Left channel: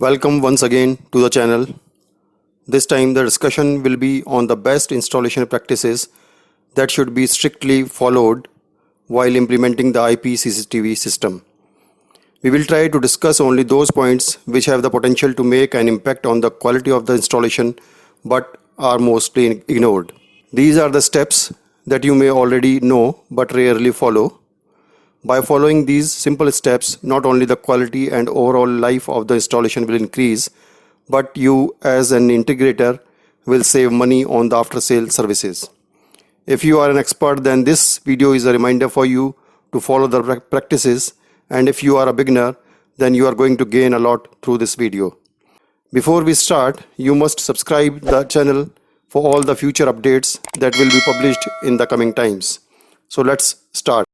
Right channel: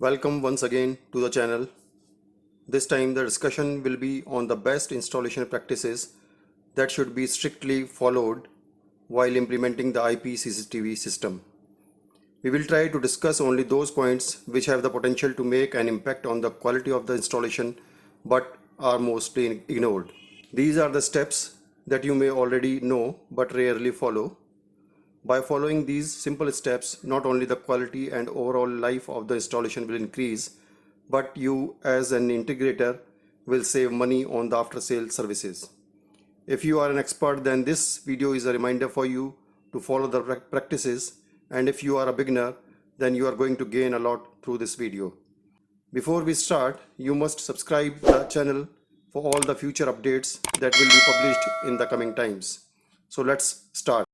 Welcome once again to the channel. This time the discussion will be on the best installation practices that should be strictly followed while implementing the IP CCTV system. We will try to discuss only those points which have the potential to make an impact on the quality of the installation but are mostly ignored. These are the steps that you may already know but rarely follow. By following these simple steps, not only the quality and overall life of the installation will increase, but you as an integrator will save money on the after-sale services. If you are an expert, then this video is a reminder for you to follow the practices, and if you are a beginner, then you are going to gain a lot through this video. Before we start, you must subscribe the channel for all the future updates that will be published in the coming times. So let's start.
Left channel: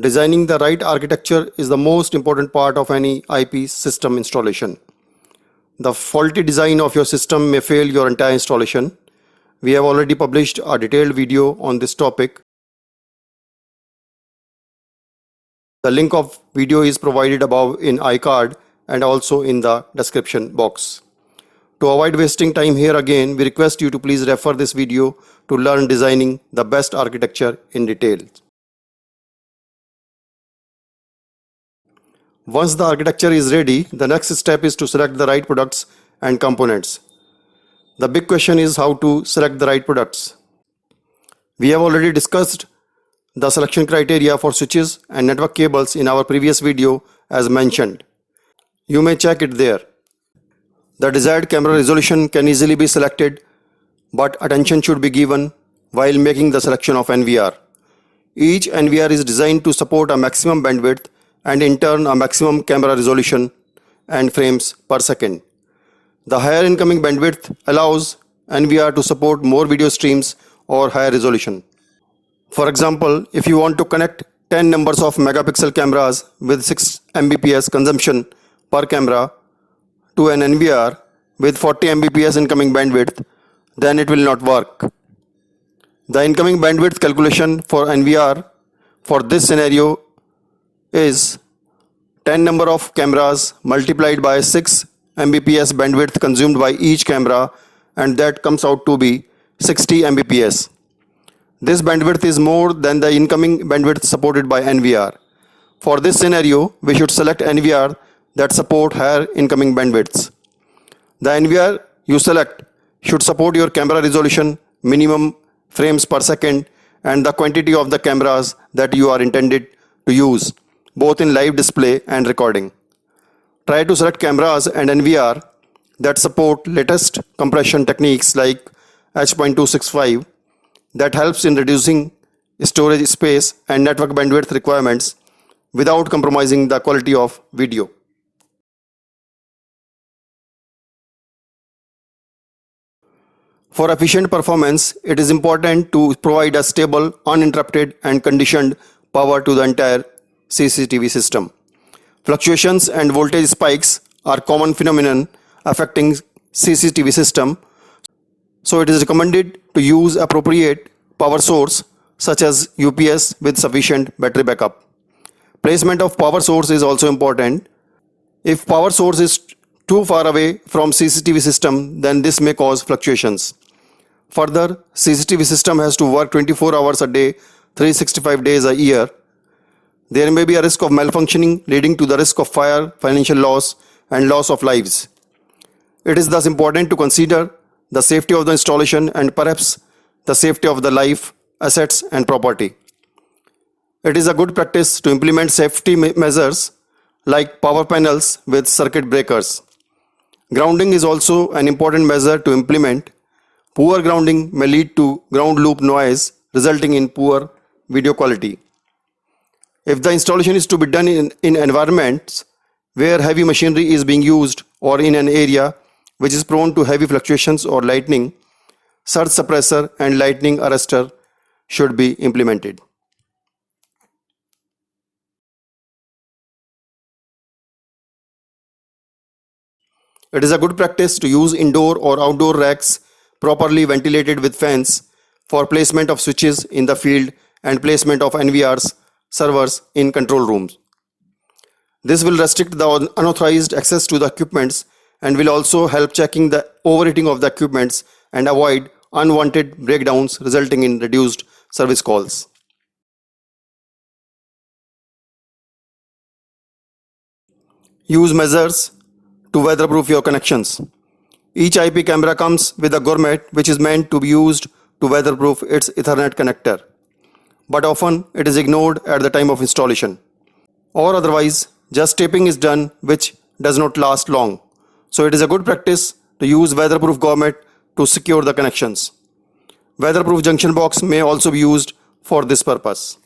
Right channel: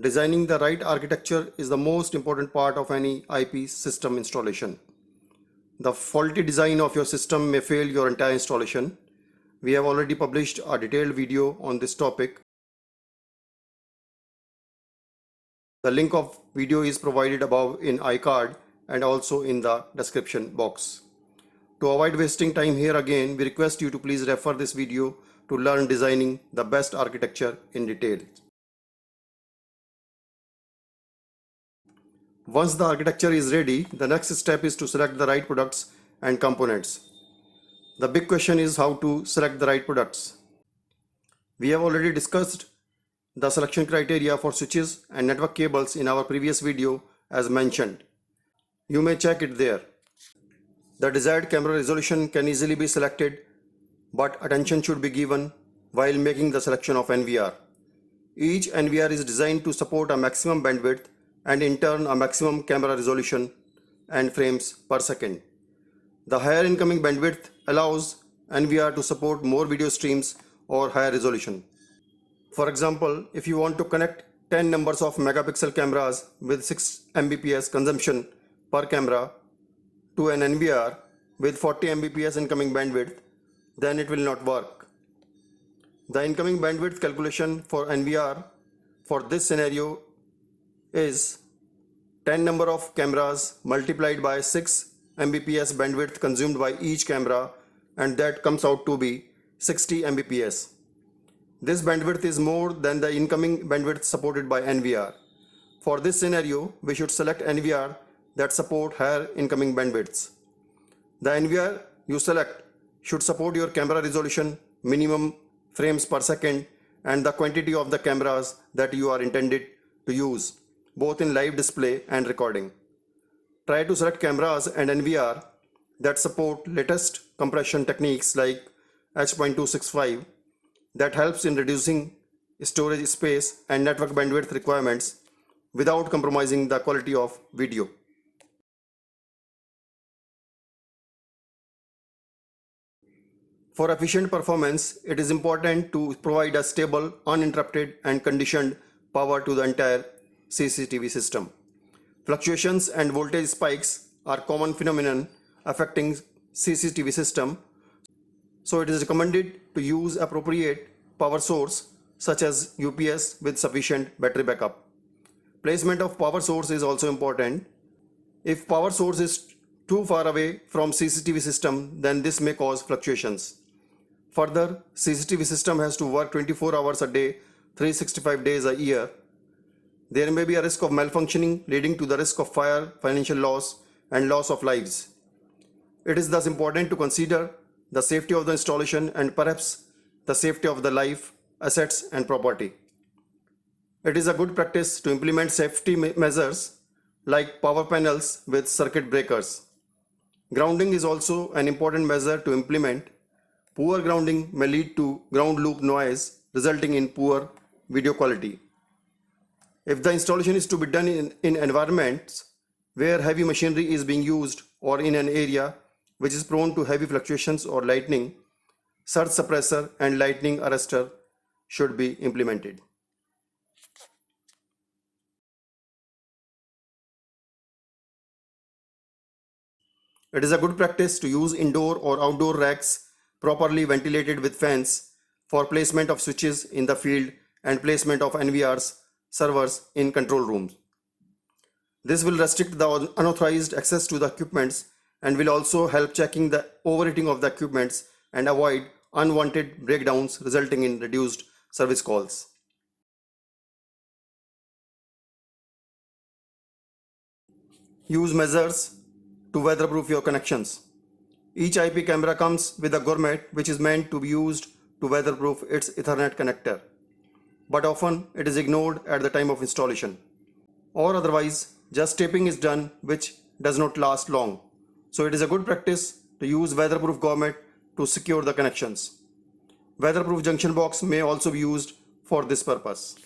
Designing the right architecture is the most important part of any IP system installation. The faulty design of your system may fail your entire installation. We have already published a detailed video on this topic. The link of video is provided above in iCard and also in the description box. To avoid wasting time here again, we request you to please refer this video to learn designing the best architecture in detail. Once the architecture is ready, the next step is to select the right products and components. The big question is how to select the right products. We have already discussed the selection criteria for switches and network cables in our previous video as mentioned. You may check it there. The desired camera resolution can easily be selected, but attention should be given while making the selection of NVR. Each NVR is designed to support a maximum bandwidth and in turn a maximum camera resolution and frames per second. The higher incoming bandwidth allows NVR to support more video streams or higher resolution. For example, if you want to connect 10 numbers of megapixel cameras with 6 Mbps consumption per camera to an NVR with 40 Mbps incoming bandwidth, then it will not work. The incoming bandwidth calculation for NVR for this scenario is 10 number of cameras multiplied by 6 Mbps bandwidth consumed by each camera, and that comes out to be 60 Mbps. This bandwidth is more than the incoming bandwidth supported by NVR. For this scenario, we should select NVR that support higher incoming bandwidths. The NVR you select should support your camera resolution, minimum frames per second, and the quantity of the cameras that you are intended to use, both in live display and recording. Try to select cameras and NVR that support latest compression techniques like H.265 that helps in reducing storage space and network bandwidth requirements without compromising the quality of video. For efficient performance, it is important to provide a stable, uninterrupted and conditioned power to the entire CCTV system. Fluctuations and voltage spikes are common phenomenon affecting CCTV system, so it is recommended to use appropriate power source such as UPS with sufficient battery backup. Placement of power source is also important. If power source is too far away from CCTV system, then this may cause fluctuations. Further, CCTV system has to work 24 hours a day, 365 days a year. There may be a risk of malfunctioning leading to the risk of fire, financial loss and loss of lives. It is thus important to consider the safety of the installation and perhaps the safety of the life, assets and property. It is a good practice to implement safety measures like power panels with circuit breakers. Grounding is also an important measure to implement. Poor grounding may lead to ground loop noise resulting in poor video quality. If the installation is to be done in environments where heavy machinery is being used or in an area which is prone to heavy fluctuations or lightning, surge suppressor and lightning arrestor should be implemented. It is a good practice to use indoor or outdoor racks properly ventilated with fans for placement of switches in the field and placement of NVRs servers in control rooms. This will restrict the unauthorized access to the equipments and will also help checking the overheating of the equipments and avoid unwanted breakdowns resulting in reduced service calls. Use measures to weatherproof your connections. Each IP camera comes with a gourmet which is meant to be used to weatherproof its Ethernet connector, but often it is ignored at the time of installation. Or otherwise, just taping is done which does not last long. So it is a good practice to use weatherproof gourmet to secure the connections. Weatherproof junction box may also be used for this purpose.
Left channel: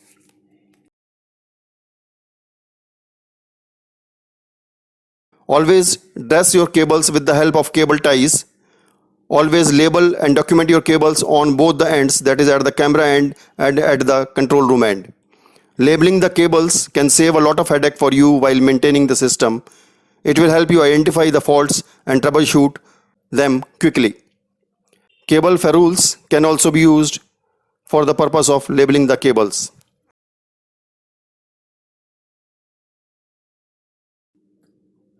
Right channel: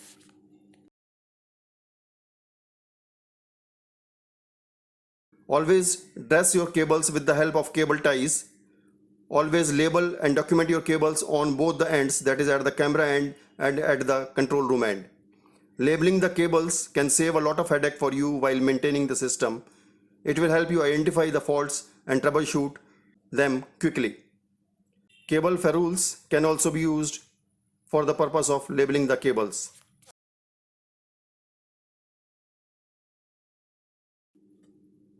Always dress your cables with the help of cable ties. Always label and document your cables on both the ends, that is at the camera end and at the control room end. Labeling the cables can save a lot of headache for you while maintaining the system. It will help you identify the faults and troubleshoot them quickly. Cable ferrules can also be used for the purpose of labeling the cables.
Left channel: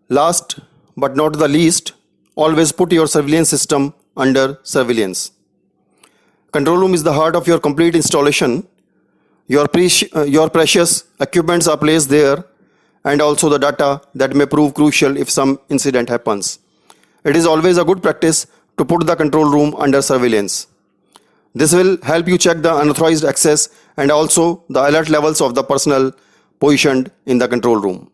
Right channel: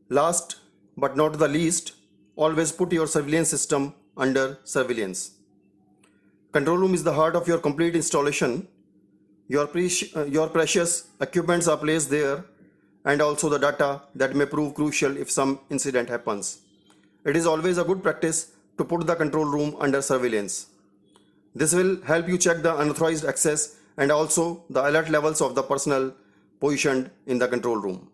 Last but not the least, always put your surveillance system under surveillance. Control room is the heart of your complete installation. Your precious equipments are placed there, and also the data that may prove crucial if some incident happens. It is always a good practice to put the control room under surveillance. This will help you check the unauthorized access and also the alert levels of the personnel positioned in the control room.